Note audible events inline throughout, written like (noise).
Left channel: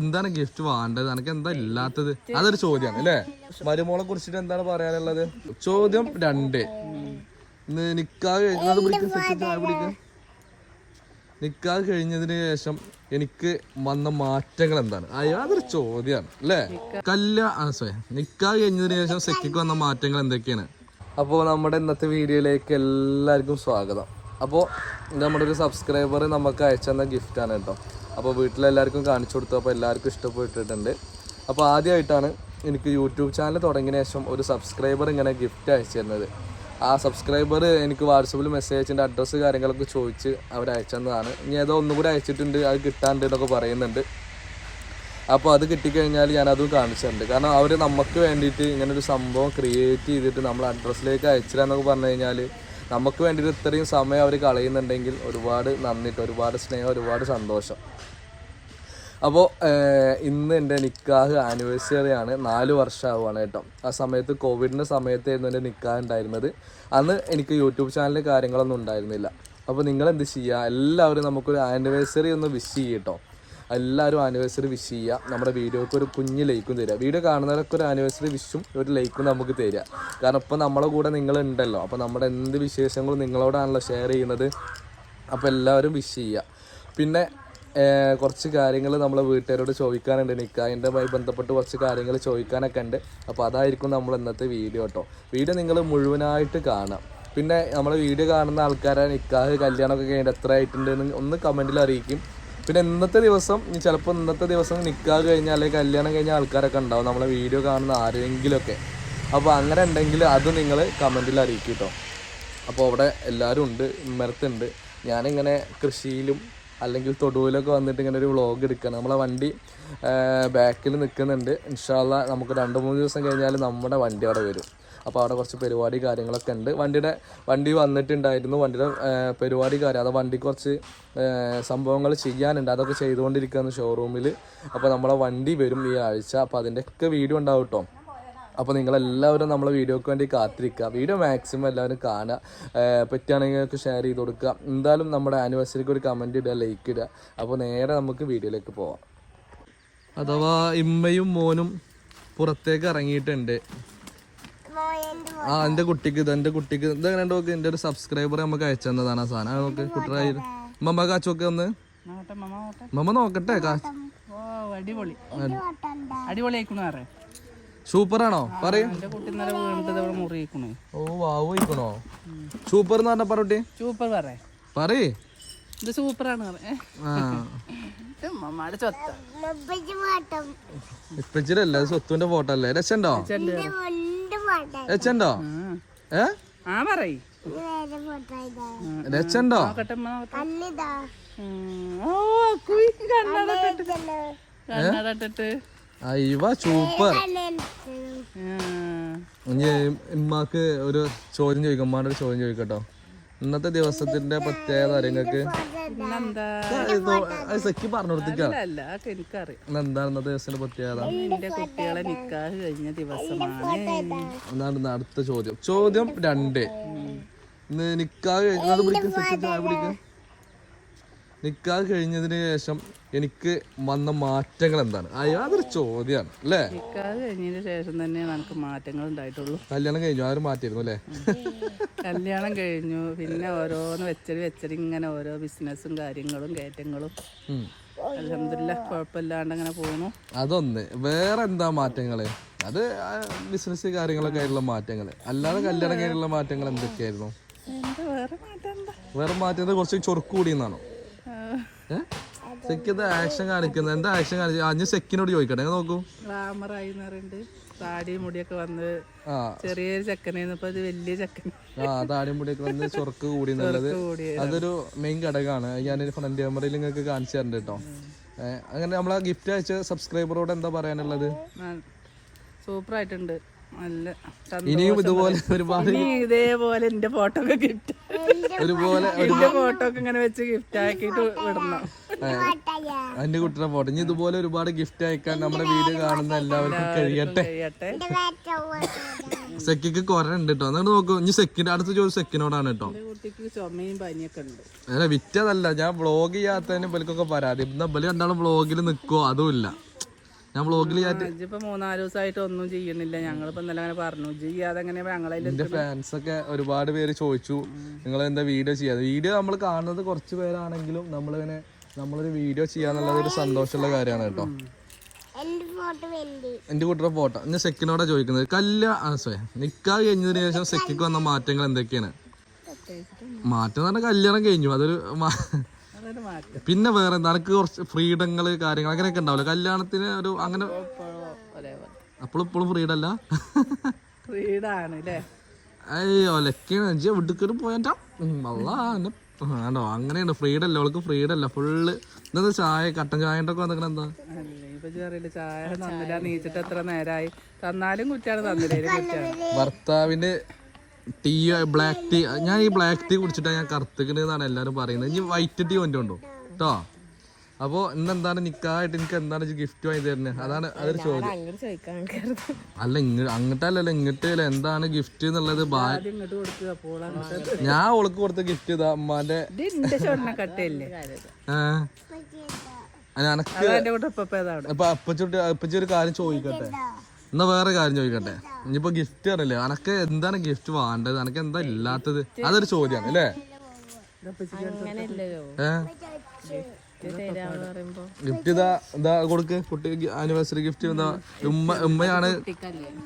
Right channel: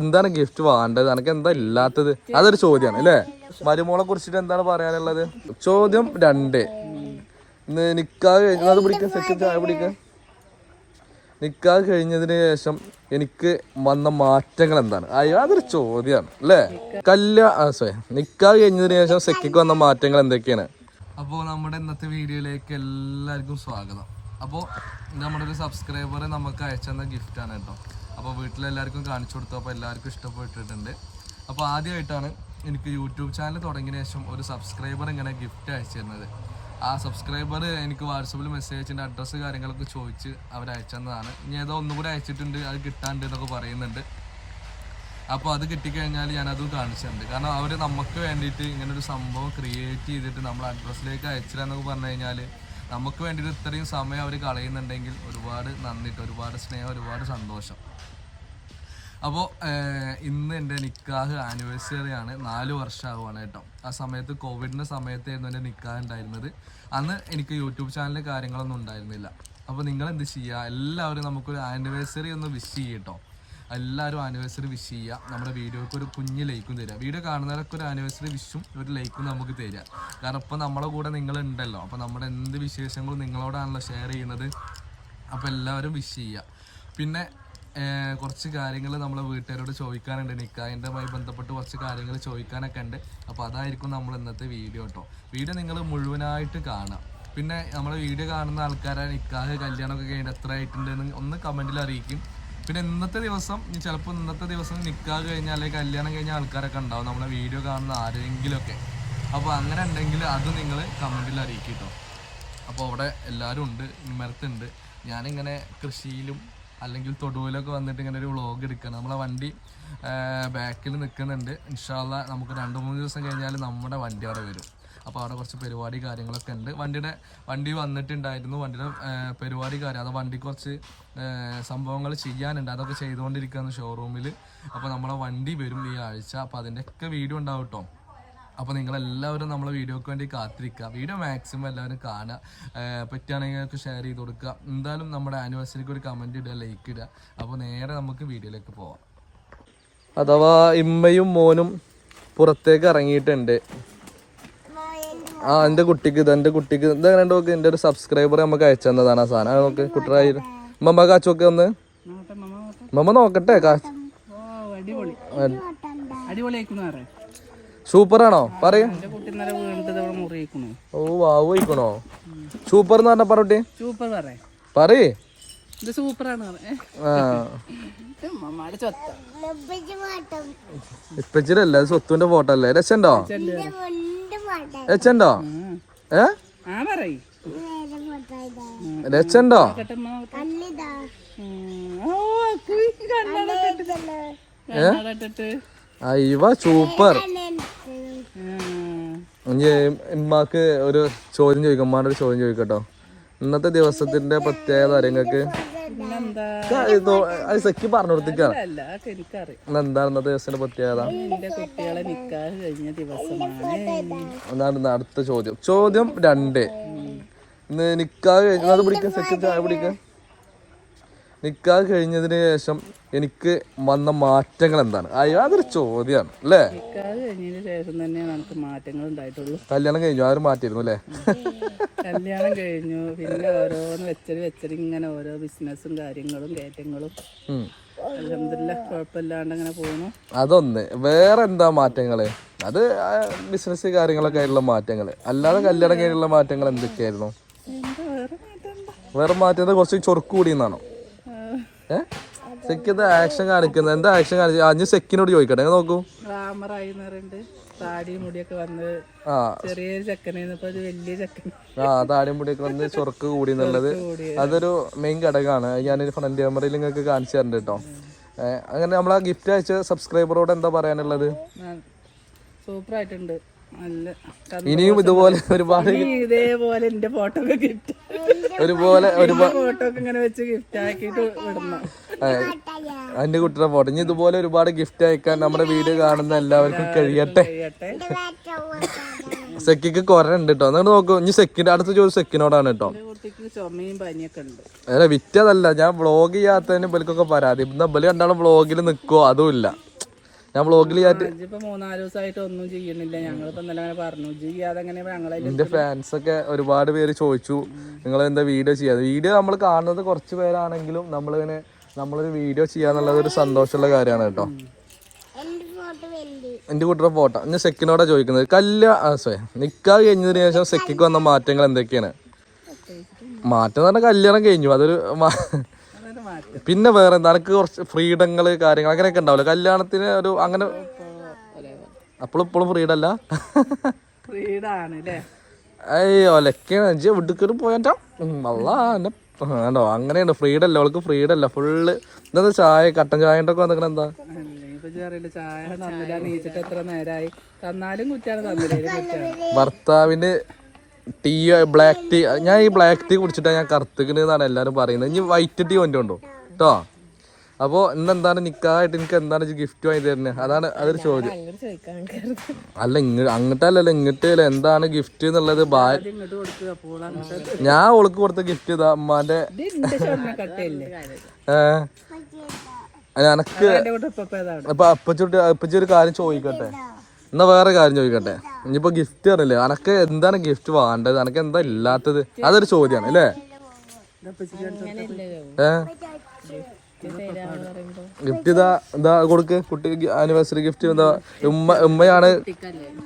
എന്താണ് ഗിഫ്റ്റ് വേണ്ടത്? എനിക്ക് എന്താ ഇല്ലാത്തത്? അതൊരു ചോദ്യമാണ് അല്ലേ? (laughs) മരുമോളെ കുറിച്ചിട്ട് എന്താണ് പറയാനുള്ളത്? ചോദ്യം രണ്ട്. നിക്കാഹ് സെറ്റ് ചായ നിക്കാഹ് കഴിഞ്ഞതിന് ശേഷം എനിക്ക് വന്ന മാറ്റങ്ങൾ എന്താണ്? അതൊരു ചോദ്യമാണ് അല്ലേ? കല്യാണ സോറി നിക്കാഹ് കഴിഞ്ഞതിന് ശേഷം സെക്കിക്ക് വന്ന മാറ്റങ്ങൾ എന്തൊക്കെയാണ്? അപ്പോൾ നമ്മുടെ ഇന്നത്തെ വീഡിയോയിലേക്ക് എല്ലാവർക്കും സ്വാഗതം. അപ്പോൾ നമ്മുടെ ഒരു സബ്സ്ക്രൈബർ നമുക്ക് അയച്ചു തന്ന ഗിഫ്റ്റാണ് കേട്ടോ. അപ്പോൾ വീട്ടിലെല്ലാവർക്കും കാണിച്ചു കൊടുത്തു. അപ്പോൾ എല്ലാവർക്കും ഇഷ്ടപ്പെട്ടിട്ടുണ്ട്. അപ്പോൾ ആദ്യമായിട്ടാണ് എനിക്ക് യൂട്യൂബ് ചാനൽ തുടങ്ങിയ ശേഷം ഒരു സബ്സ്ക്രൈബർ ഇങ്ങനെ ഗിഫ്റ്റ് അയച്ചു തരുന്നത്. ആ സബ്സ്ക്രൈബർ എനിക്ക് വാട്സപ്പിൽ മെസ്സേജ് അയച്ചിന്റെ അഡ്രസ്സ് കാര്യങ്ങളൊക്കെ ചോദിച്ച് അവർ അയച്ചെന്നതാണ് ഇനി ഏതോ ഒന്നും കൂടി അയച്ചിട്ടുണ്ട് അത് കിട്ടാണ്ട് എന്നൊക്കെ പറയുന്നുണ്ട്. അപ്പോൾ അത് കിട്ടിക്കഴിഞ്ഞാൽ ഞാനതും കാണിച്ചു കാണിച്ചിട്ടുണ്ട് കാരണം അവർ നമുക്ക് വേണ്ടിയിട്ട് ഇങ്ങനൊരു സംഭവം ക്രിയേറ്റ് ചെയ്തിട്ട് നമ്മൾ അഡ്രസ്സിലേക്ക് അയച്ചിടാന്നൊക്കെ പറഞ്ഞു കഴിഞ്ഞാൽ നമുക്ക് വേണ്ടിയിട്ട് ഇത്രയും സമയം അവർ കളയുന്നുണ്ടെങ്കിൽ ഒരുപാട് നന്ദിട്ട് ഒരുപാട് സ്നേഹം ഒരുപാട് സന്തോഷം. അപ്പോൾ ഇന്ന് എന്റെ നിക്കാഹ് ആനിവേഴ്സറി ആണ്. നാല് വർഷമാവുകയാണ് കേട്ടോ. ആ സമയത്ത് കോവിഡിന്റെ സമയത്തായിരുന്നു എന്റെ നിക്കാഹ് ഉണ്ടായിരുന്നത്. അന്ന് എനിക്ക് യൂട്യൂബ് ചാനലിൽ കാര്യങ്ങളൊന്നും ഉണ്ടായിരുന്നില്ല. അപ്പോൾ നിങ്ങൾ എന്ത് ചെയ്യുക എല്ലാവരും നമുക്കൊരു ആനിവേഴ്സറി ഒന്ന് വിഷ് ചെയ്യും കേട്ടോ എല്ലാവരും ആനിവേഴ്സറി വിഷ് ചെയ്യുക. നമ്മുടെ വീഡിയോക്ക് ഒരു കുഞ്ഞ് ലൈക്കും തരിക. വീഡിയോ കാണുന്നവരൊക്കെ ഒരു ആനിവേഴ്സറി വിഷും ഒരു ലൈക്കും നമുക്ക് തരിക. കാരണം ഇപ്പോൾ നമ്മളെ കൂടെ നിങ്ങൾ ഉണ്ടല്ലോ അപ്പോൾ നമ്മുടെ എന്ത് വിശേഷങ്ങളും നിങ്ങളോടാണല്ലോ ഷെയർ ചെയ്യുന്നത്. അപ്പോൾ എല്ലാവരും വിഷ് ചെയ്യുക. പിന്നെ കുറച്ച് കാര്യങ്ങൾ നമ്മളെ വീട്ടുകാരോട് ചോദിക്കാനുണ്ട്. നിൽക്കാതിന്റെമായി ബന്ധപ്പെട്ട് കുറച്ച് കാര്യങ്ങൾ ചോദിക്കാനൊക്കെ ഉണ്ട്. അപ്പോൾ അതായിരിക്കും നമ്മൾ ഇന്നത്തെ വീഡിയോ കേട്ടോ വീഡിയോ നിങ്ങൾ മുഴുവനായിട്ട് കാണാം പിന്നെ നമ്മൾ വീഡിയോ കാണുന്ന ആൾക്കാരെ നിക്കാഹ് കല്യാണമൊക്കെ കഴിഞ്ഞിട്ട് എത്ര ആയിട്ടുണ്ട് എന്ന് ഒന്ന് കമന്റിൽ അറിയിക്കും. പിന്നെ ഇന്നത്തെ ദിവസം ചിലപ്പോൾ ഇന്നത്തെ ദിവസം നിൽക്കാതെ കഴിഞ്ഞാൽ അല്ലെങ്കിൽ കല്യാണം കഴിഞ്ഞ ആൾക്കാരൊക്കെ ഉണ്ടാവും. നമ്മളെ വീഡിയോ കാണുന്ന ആരെങ്കിലുമൊക്കെ അപ്പോൾ അങ്ങനെ ഉണ്ടെങ്കിൽ അത് നിങ്ങൾ കമന്റിൽ അറിയിക്കും കേട്ടോ അപ്പോൾ അവിടെ എല്ലാവരും ഉണ്ട് ഇമ്മരത്തുണ്ട് ഞാനിങ്ങനെ കൃഷിയിലും അല്ലെങ്കിൽ തൊടുവിലൊക്കെ വന്നിട്ട് ഇങ്ങനെ ഒരു വ്ളോഗ് എടുക്കണം. നമ്മളെ വണ്ടി ബാക്കിൽ നിൽക്കുന്നുണ്ട് ഇൻഷാല്ല നമുക്ക് രണ്ട് മൂന്ന് ദിവസം കഴിഞ്ഞാൽ നമ്മുടെ വണ്ടി അവിടെ വരും. അപ്പോൾ അവിടെ കുറച്ച് പരിപാടി കാര്യങ്ങളൊക്കെ ഉണ്ട്. വണ്ടിയുടെ വണ്ടി വന്നിട്ടുണ്ടായിരുന്നു. വണ്ടിയുടെ പരിപാടി കാര്യം. അത് വണ്ടി കുറച്ച് സംഭവങ്ങൾ ചെയ്യാനുണ്ട്. അതൊക്കെ ചെയ്തുകൊണ്ടിരിക്കുകയാണ് ഷോറൂമിൽ അപ്പോൾ നമ്മളെ വണ്ടി വരും ഈ ആഴ്ച. അപ്പോൾ അതിന്റെയൊക്കെ വീഡിയോ ഉണ്ടാവും കേട്ടോ അപ്പോൾ നിങ്ങളെല്ലാവരും നമ്മളെ വീഡിയോക്ക് വേണ്ടി കാത്തിരിക്കുക. വീഡിയോ മാക്സിമം എല്ലാവരും കാണുക. പറ്റുകയാണെങ്കിൽ ഷെയർ ചെയ്ത് കൊടുക്കുക. എന്തായാലും നമ്മുടെ ആനിവേഴ്സറിക്ക് ഒരു കമന്റ് ഇടുക ലൈക്ക് ഇടുക. അപ്പോൾ നേരെ നമുക്ക് വീഡിയോയിലേക്ക് പോവാം. അഥവാ ഇമ്മയും മോനും പുറത്തേക്ക് ഇറങ്ങിയിട്ടുണ്ട്. ആ എന്റെ കുട്ടിക്ക് ഇത് എന്റെ കുട്ടിക്ക് ഇത് അങ്ങനെ നോക്ക്? എന്റെ ഒരു സബ്സ്ക്രൈബർ നമുക്ക് അയച്ചു തന്നതാണ് ആ സാധനം. നോക്ക് കുട്ടറായി മമ്മ കാച്ചു നോക്ക് ഒന്ന്. മമ്മ നോക്കട്ടെ. സൂപ്പർ ഓ അടിപൊളി. അടിപൊളിയായിക്കണു പറ സൂപ്പറാണോ? പറയൂ. ഓ വാവ് സൂപ്പർ എന്ന് പറഞ്ഞ പറഞ്ഞോട്ടെ സൂപ്പർ പറ പറയേ. ഇത് സൂപ്പറാണ് പറ ഇപ്പച്ചിരല്ല സ്വത്തുവിന്റെ ഫോട്ടോ അല്ലേ? രസണ്ടോ രസണ്ടോ ഏ? ആ പറയ്. അയ്യവ സൂപ്പർ. ഇനി ഇമ്മാക്ക് ഒരു ചോദ്യം ചോദിക്കും. ഉമ്മാന്റെ ഒരു ചോദ്യം ചോദിക്കട്ടോ. ഇന്നത്തെ ദിവസത്തിന്റെ പ്രത്യേകത നിങ്ങൾക്ക് സഖി പറഞ്ഞു കൊടുത്തിക്കാണ് എന്താണ് ഇന്നത്തെ ദിവസത്തിന്റെ പ്രത്യേകത? കുട്ടികളെ നിക്കാഹ് കഴിഞ്ഞ ദിവസമാണ്. ഇന്ന് അടുത്ത ചോദ്യം. ചോദ്യം രണ്ട്. ഇന്ന് നിക്കാഹ് കഴിഞ്ഞാൽ സെറ്റ് ചായ പിടിക്ക. നിക്കാഹ് കഴിഞ്ഞതിന് ശേഷം എനിക്ക് വന്ന മാറ്റങ്ങൾ എന്താണ് അയ്യോ അതൊരു ചോദ്യമാണ് അല്ലേ? നിക്കാഹ് കഴിഞ്ഞതിന് ശേഷം തന്നെ എനിക്ക് മാറ്റങ്ങൾ ഉണ്ടായിട്ടുള്ളൂ. കല്യാണം കഴിഞ്ഞു ആരും മാറ്റിയിരുന്നു അല്ലേ? കല്യാണം കഴിഞ്ഞു പിന്നെ ഓരോന്ന് വെച്ചടി വെച്ചടി ഇങ്ങനെ ഓരോ ബിസിനസ്സും കാര്യങ്ങളും കയറ്റങ്ങളും. ഉം. അലഹമില്ല കുഴപ്പമില്ലാണ്ട് അങ്ങനെ പോകുന്നു അതൊന്ന് വേറെ എന്താ മാറ്റങ്ങൾ? അത് ബിസിനസ് കാര്യങ്ങളൊക്കെ ആയിട്ടുള്ള മാറ്റങ്ങൾ. അല്ലാതെ കല്യാണം കഴിഞ്ഞുള്ള മാറ്റങ്ങൾ എന്തൊക്കെയായിരുന്നു? എന്താ വേറെ മാറ്റം കുറച്ച് ചൊറുക്ക് കൂടി എന്നാണോ? ഏഹ് സെക്കിന്റെ ആക്ഷൻ കാണിക്കുന്നത്. എന്താ ആക്ഷൻ കാണിച്ചു? അഞ്ഞ് സെക്കിനോട് ചോദിക്കട്ടെ. നോക്കൂ. താടി മുടിയൊക്കെ വന്ന് ആ. മുടിയൊക്കെ വന്ന് ചൊറുക്ക് കൂടി എന്നുള്ളത് അതൊരു മെയിൻ ഘടകമാണ്. ഞാനൊരു ഫ്രണ്ട് ക്യാമറയിൽ നിങ്ങൾക്ക് കാണിച്ചു തരണ്ട് കേട്ടോ. അങ്ങനെ നമ്മൾ ആ ഗിഫ്റ്റ് അയച്ച സബ്സ്ക്രൈബറോട് എന്താ പറയാനുള്ളത്? സൂപ്പർ ആയിട്ടുണ്ട്. നല്ല ഇനിയും ഇതുപോലെ ഒരുപാട് ഇതേപോലെ എന്റെ ഫോട്ടോ ഒക്കെ ഗിഫ്റ്റ് ഒരുപോലെ എന്റെ ഫോട്ടോ ഒക്കെ ഇങ്ങനെ വെച്ച് ഗിഫ്റ്റ് ആക്കിയിട്ട് വിടണം. അതിന്റെ കുട്ടിയുടെ ഫോട്ടോ ഇനി ഇതുപോലെ ഒരുപാട് ഗിഫ്റ്റ് അയക്കാൻ നമ്മുടെ വീഡിയോ കാണുന്ന എല്ലാവർക്കും കഴിയട്ടെ. സെക്കിക്ക് കുറെ ഉണ്ട് കേട്ടോ എന്നിട്ട് നോക്കൂ ഇനി സെക്കിന്റെ അടുത്ത ചോദിച്ചു സെക്കിനോടാണ് കേട്ടോ എന്റെ അല്ല വിറ്റതല്ല. ഞാൻ വ്ളോഗ് ചെയ്യാത്തതിന് ഇവൽക്കൊക്കെ പരാതി. ഇന്ന് ഇവൽ രണ്ടാളും വ്ളോഗിൽ നിൽക്കുവോ അതും ഇല്ല. ഞാൻ വ്ളോഗിൽ മൂന്നാൽ ദിവസമായിട്ട് ഒന്നും ചെയ്യണില്ല ഞങ്ങളിപ്പോ ഇന്നലെ അങ്ങനെ പറഞ്ഞു. ചെയ്യാതെ എന്റെ ഫാൻസ് ഒക്കെ ഒരുപാട് പേര് ചോദിച്ചു നിങ്ങൾ എന്താ വീഡിയോ ചെയ്യാതെ വീഡിയോ നമ്മൾ കാണുന്നത് കുറച്ച് പേരാണെങ്കിലും നമ്മളിങ്ങനെ നമ്മളൊരു വീഡിയോ ചെയ്യാന്നുള്ളത് ഒരു സന്തോഷമുള്ള കാര്യമാണ് കേട്ടോ. എന്റെ കൂട്ടരുടെ ഫോട്ടോ ഞാൻ സെക്കിനോടാ ചോദിക്കുന്നത്. കല്യാ നിക്കാ കഴിഞ്ഞതിന് ശേഷം സെക്കിക്ക് വന്ന മാറ്റങ്ങൾ എന്തൊക്കെയാണ്? മാറ്റം എന്ന് പറഞ്ഞാൽ കല്യാണം കഴിഞ്ഞു. അതൊരു പിന്നെ വേറെ നിനക്ക് കുറച്ച് ഫ്രീഡങ്ങൾ കാര്യങ്ങൾ അങ്ങനെയൊക്കെ ഉണ്ടാവില്ല? കല്യാണത്തിന് ഒരു അങ്ങനെ അപ്പോഴും ഇപ്പോഴും ഫ്രീഡല്ല? ഏയ് ഒലക്കാണ് അഞ്ച് വിടുക്കറി പോയാ? അല്ല എന്നെ വേണ്ടോ അങ്ങനെയാണ് ഫ്രീഡം അല്ല അവൾക്ക് ഫ്രീഡല്ല. ഫുള്ള് എന്താ ചായ കട്ടൻ ചായ ഒക്കെ വന്നിക്കണ എന്താ? ചായ തന്നില്ല നീച്ചിട്ട് എത്ര നേരമായി തന്നാലും കുറ്റാണ് ഭർത്താവിന് ടീ ബ്ലാക്ക് ടീ. ഞാൻ ഈ ബ്ലാക്ക് ടീ കുടിച്ചിട്ടാ ഞാൻ കറുത്തിക്കണെന്നാണ് എല്ലാരും പറയുന്നത്. ഇനി വൈറ്റ് ടീ കൊണ്ടുണ്ടോ കേട്ടോ. അപ്പോ ഇന്നെന്താണ് നിക്കായിട്ട് എനിക്ക് എന്താണ് ഗിഫ്റ്റ് വാങ്ങി തരുന്നത് അതാണ് അതൊരു ചോദ്യം. അല്ല ഇങ്ങ അങ്ങോട്ടല്ലല്ലോ ഇങ്ങോട്ടല്ല എന്താണ് ഗിഫ്റ്റ് എന്നുള്ളത്? ഇങ്ങോട്ട് ഞാൻ ഓൾക്ക് കൊടുത്ത ഗിഫ്റ്റ് ഇതാ അമ്മാന്റെ എനക്ക് അപ്പൊ അപ്പച്ചുട്ടി അപ്പച്ചി ഒരു കാര്യം ചോദിക്കട്ടെ? എന്നാ വേറെ കാര്യം ചോദിക്കട്ടെ? ഇനിയിപ്പോ ഗിഫ്റ്റ് പറഞ്ഞില്ലേ? അനക്ക് എന്താണ് ഗിഫ്റ്റ് വേണ്ടത്? അനക്ക് എന്താ ഇല്ലാത്തത്? അതൊരു ചോദ്യമാണ് അല്ലേ? ഏഹ് ഗിഫ്റ്റ് ഇതാ ഇതാ കൊടുക്ക്? കുട്ടി ആനിവേഴ്സറി ഗിഫ്റ്റ് എന്താ ഉമ്മ ഉമ്മയാണ്.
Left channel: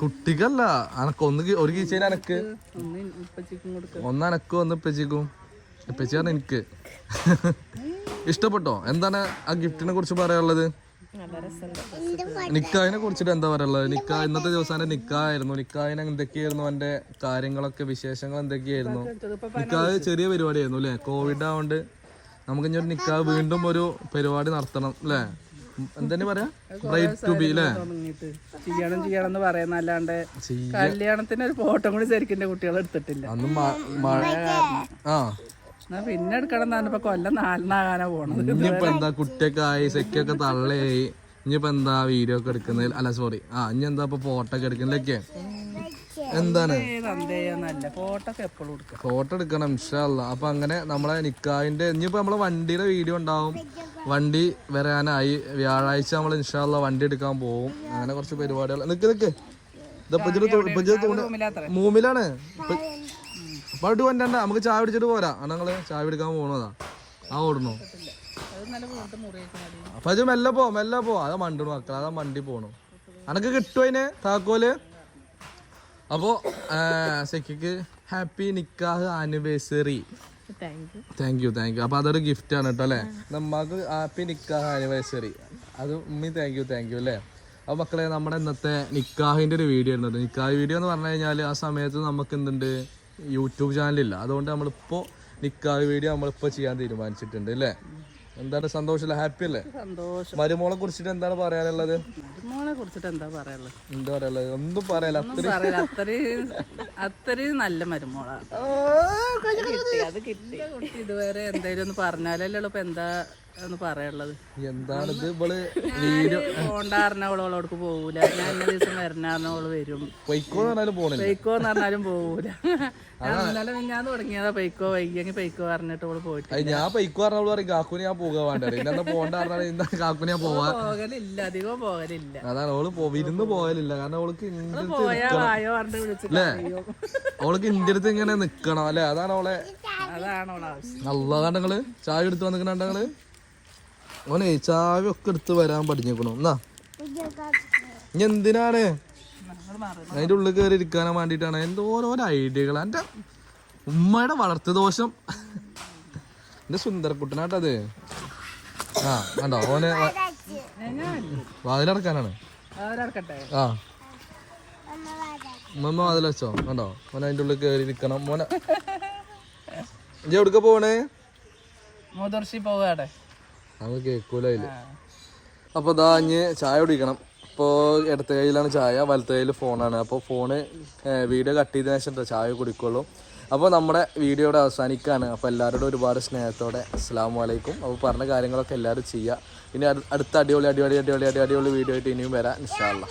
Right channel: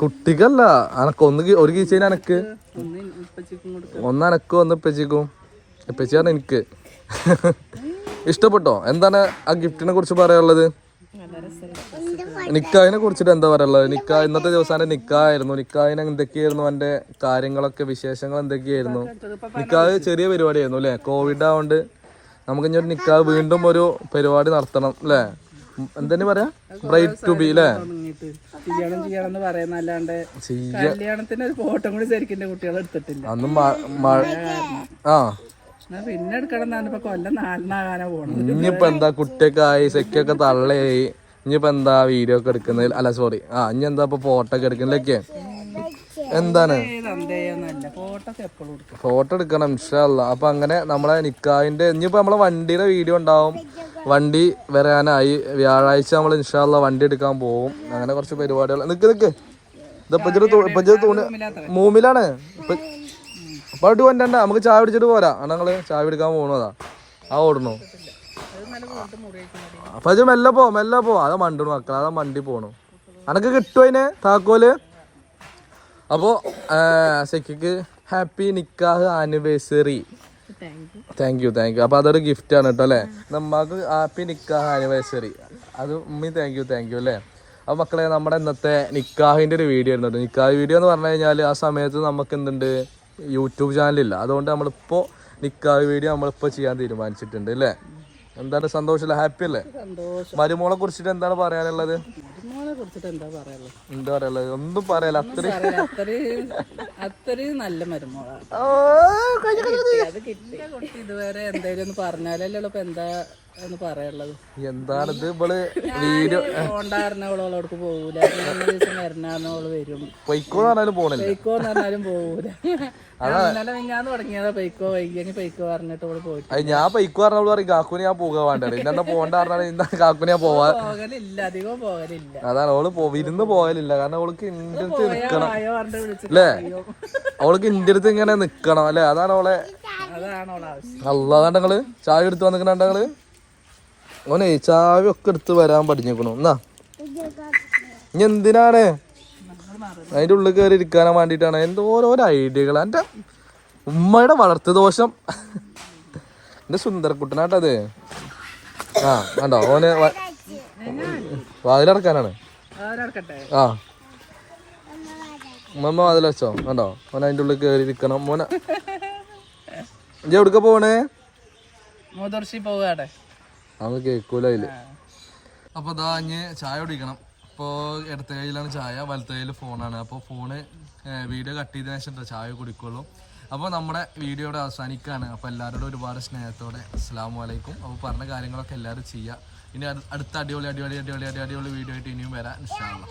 കുട്ടിക്കല്ല അനക്ക് ഒന്ന് ഒരു കീച്ചേന് അനക്ക്. ഒന്ന് അനക്കും ഒന്ന് ഇപ്പച്ചിക്കും ഇപ്പച്ചിയാണ് എനിക്ക്. ഇഷ്ടപ്പെട്ടോ? എന്താണ് ആ ഗിഫ്റ്റിനെ കുറിച്ച് പറയാനുള്ളത്? നിക്കായിനെ കുറിച്ചിട്ട് എന്താ പറയാനുള്ളത്? നിക്കാ ഇന്നത്തെ ദിവസം നിക്കായിരുന്നു നിക്കായിന് എന്തൊക്കെയായിരുന്നു എന്റെ കാര്യങ്ങളൊക്കെ വിശേഷങ്ങൾ എന്തൊക്കെയായിരുന്നു? നിക്കാഹ് ചെറിയ പരിപാടിയായിരുന്നു അല്ലെ? കോവിഡ് ആവുകൊണ്ട് നമുക്ക് ഇനി ഒരു നിക്കാഹ് വീണ്ടും ഒരു പരിപാടി നടത്തണം അല്ലേ? എന്തെന്ന് പറയാ? ബ്രൈറ്റ് ടു ബി അല്ലേ? ചെയ്യണം ചെയ്യണം എന്ന് പറയുന്നല്ലാണ്ട് കല്യാണത്തിന് ഒരു ഫോട്ടോ കൂടി ശരിക്കും കുട്ടികൾ എടുത്തിട്ടില്ല. അന്ന് മഴ ആ. പിന്നെ എടുക്കണം എന്നാണ് കൊല്ലം നാലിനാകാനാ പോണത്. ഇനിയിപ്പോ എന്താ കുട്ടിയൊക്കെ ആയി സെക്കൊക്കെ തള്ളയായി. ഇനിയിപ്പോ എന്താ വീഡിയോ ഒക്കെ എടുക്കുന്നതിൽ അല്ല സോറി ആ ഇനി എന്താ ഇപ്പൊ ഫോട്ടോ ഒക്കെ എടുക്കുന്നതിലൊക്കെ എന്താണ്? ഫോട്ടോ എടുക്കണം ഇൻഷാല്ല അപ്പൊ അങ്ങനെ നമ്മളെ നിക്കാവിന്റെ ഇനിയിപ്പോ നമ്മളെ വണ്ടിയുടെ വീഡിയോ ഉണ്ടാവും. വണ്ടി വരാനായി. വ്യാഴാഴ്ച നമ്മൾ ഇൻഷാല്ല വണ്ടി എടുക്കാൻ പോവും. അങ്ങനെ കുറച്ച് പരിപാടികൾ. നിക്ക് നിക്ക്. മൂമിലാണ്. ഇപ്പൊ ഇപ്പൊ അവിടെ കൊണ്ടണ്ട നമുക്ക് ചായ പിടിച്ചിട്ട് പോരാ. ഞങ്ങൾ ചായ പിടിക്കാൻ പോകണതാ ആ ഓടണു. അപ്പൊ മെല്ലെ പോ മെല്ലെ പോ. അതാ മണ്ടണു മക്കളെ അതാ മണ്ടി പോണു. അനക്ക് കിട്ടും അതിന് താക്കോൽ? അപ്പോ സെക്കിക്ക് happy nikah anniversary. Thank you thank you അപ്പൊ അതൊരു ഗിഫ്റ്റ് ആണ് കേട്ടോ അല്ലേ? നമ്മക്ക് ഹാപ്പി നിക്കാഹ് ആനിവേഴ്സറി. അത് ഉമ്മി താങ്ക് യു താങ്ക് യു അല്ലേ? അപ്പൊ മക്കളെ നമ്മുടെ ഇന്നത്തെ നിക്കാഹിന്റെ ഒരു വീഡിയോ ആയിരുന്നു. നിക്കാഹ് വീഡിയോ എന്ന് പറഞ്ഞു കഴിഞ്ഞാൽ ആ സമയത്ത് നമുക്ക് എന്തുണ്ട്? യൂട്യൂബ് ചാനലില്ല അതുകൊണ്ട് നമ്മളിപ്പോ നിക്കാഹ് വീഡിയോ നമ്മളിപ്പോ ചെയ്യാൻ തീരുമാനിച്ചിട്ടുണ്ട് അല്ലേ? എന്താണ് സന്തോഷമല്ല? ഹാപ്പി അല്ലേ? സന്തോഷം. മരുമോളെ കുറിച്ചിട്ട് എന്താണ് പറയാനുള്ളത്? കുറിച്ചിട്ട് എന്താ പറയാനുള്ളത്? എന്താ പറയാനുള്ളത്? ഒന്നും പറയാല അത്രയും അത്രയും നല്ല മരുമോളാണ്. അത് കിട്ടി. ഇതുവരെ എന്തായാലും ഒന്ന് പറഞ്ഞാലല്ലോ ഇപ്പൊ എന്താ ഒന്ന് പറയാനുള്ളത്. എന്താണ് ഇത് ഇവൾ വീഡിയോ? അവളോടക്ക് പോകൂല ഞാൻ ഇന്ന ദിവസം വരണാന്ന് അവൾ വരും. പൈക്കോ പറഞ്ഞാലും പോണില്ല. പൈക്കോ എന്ന് പറഞ്ഞാലും പോകൂല ഇന്നലെ തുടങ്ങിയതാ പൈക്കോ വൈകിയെങ്കിൽ പൈക്കോ പറഞ്ഞിട്ട് അവൾ പോയിട്ട് അത് ഞാൻ പൈക്കോ പറഞ്ഞവൾ പറയും കാക്കുന് ഞാൻ പോകാൻ വേണ്ടത് ഇന്നെന്താ പോകണ്ട പറഞ്ഞാൽ ഇന്ന കാക്കുന് ഞാൻ പോവാ. പോകലില്ല അധികം പോകലില്ല. അതാണ് ഓൾ പോ- വിരുന്ന് പോകലില്ല. കാരണം അവൾക്ക് ഇന്ത്യ പോയാ വായോ പറഞ്ഞിട്ട് വിളിച്ചിട്ട് അല്ലേ? അവൾക്ക് ഇന്റെ അടുത്ത് ഇങ്ങനെ നിക്കണം അല്ലേ? അതാണ് ഓളെ അതാണ് അവളെ ആവശ്യം ചായ എടുത്ത് വന്നിക്കണ നിങ്ങൾ? ഓനെ ചാവി ഒക്കെ എടുത്ത് വരാൻ പഠിഞ്ഞേക്കണു എന്നാ? ഇനി എന്തിനാണ്? അതിന്റെ ഉള്ളിൽ കയറി ഇരിക്കാനാ വേണ്ടിട്ടാണ് എന്തോ ഓരോ ഐഡിയകൾ ഉമ്മയുടെ വളർത്തു ദോഷം എന്റെ സുന്ദരക്കുട്ടനാട്ടത്. ആ വേണ്ടോ ഓനെ വാതിലടക്കാനാണ്. ആ. ഉമ്മ വാതിൽ വെച്ചോ. വേണ്ടോ ഓൻ അതിന്റെ ഉള്ളിൽ കയറി ഇരിക്കണം. മോനെ. ഇജ്ജ് എവിടുക്ക പോണേ? മുതിർച്ചി പോവാടെ അന്ന് കേൾക്കൂല അപ്പൊ ഇതാ ഇനി ചായ കുടിക്കണം. ഇപ്പോ ഇടത്ത കയ്യിലാണ് ചായ വലത്ത കയ്യിൽ ഫോണാണ്. അപ്പോൾ ഫോണ് വീഡിയോ കട്ട് ചെയ്തതിനു ശേഷം ചായ കുടിക്കുള്ളൂ. അപ്പോൾ നമ്മുടെ വീഡിയോയുടെ അവസാനിക്കാണ്. അപ്പോൾ എല്ലാവരോടും ഒരുപാട് സ്നേഹത്തോടെ അസ്സാം വലൈക്കും അപ്പോൾ പറഞ്ഞ കാര്യങ്ങളൊക്കെ എല്ലാവരും ചെയ്യുക ഇനി അടുത്ത അടിപൊളി അടിപൊളി അടിപൊളി അടി അടിപൊളി വീഡിയോ ആയിട്ട് ഇനിയും വരാം ഇൻഷാല്ല